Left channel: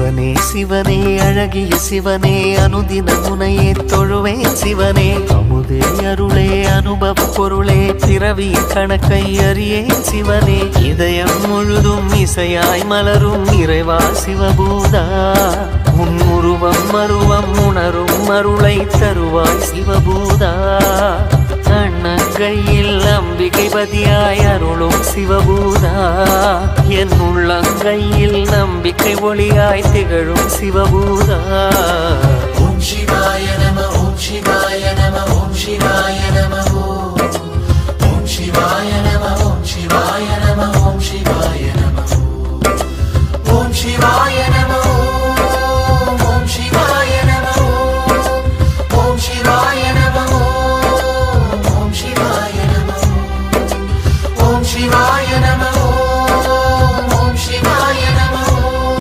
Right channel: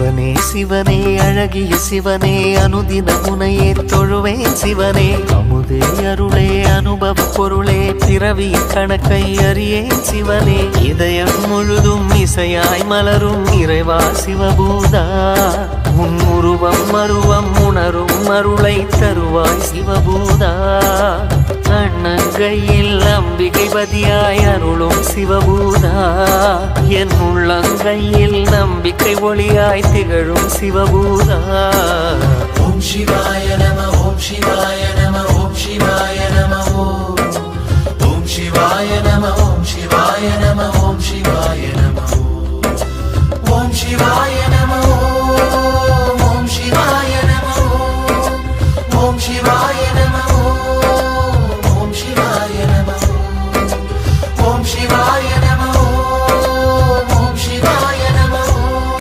சிவனே சிவனே அழகிய சிவனே அனுதின முனையே தொழுவேன் சிவனே அமுதே அருளே அனுபவ பொருளே பிறவியின் கணக்கை அறியேன் சிவனே இதயம் முழுதும் இசையாய் மலரும் இறைவா சிவபூதா உன் உருவம் மருவம் உணரும் அருளை தருவாய் சிவபூதா அண்ணங்கையில் அம்பிகை பதியாய் அருளும் சிவபூதா என் உள்ளங்கையில் நம்பிக்கை ஒளியாய் திகழும் சிவபூதா ஓம் சிவாய நம ஓம் சிவாய நம ஓம் சிவாய நம ஓம் சிவாய நம ஓம் சிவாய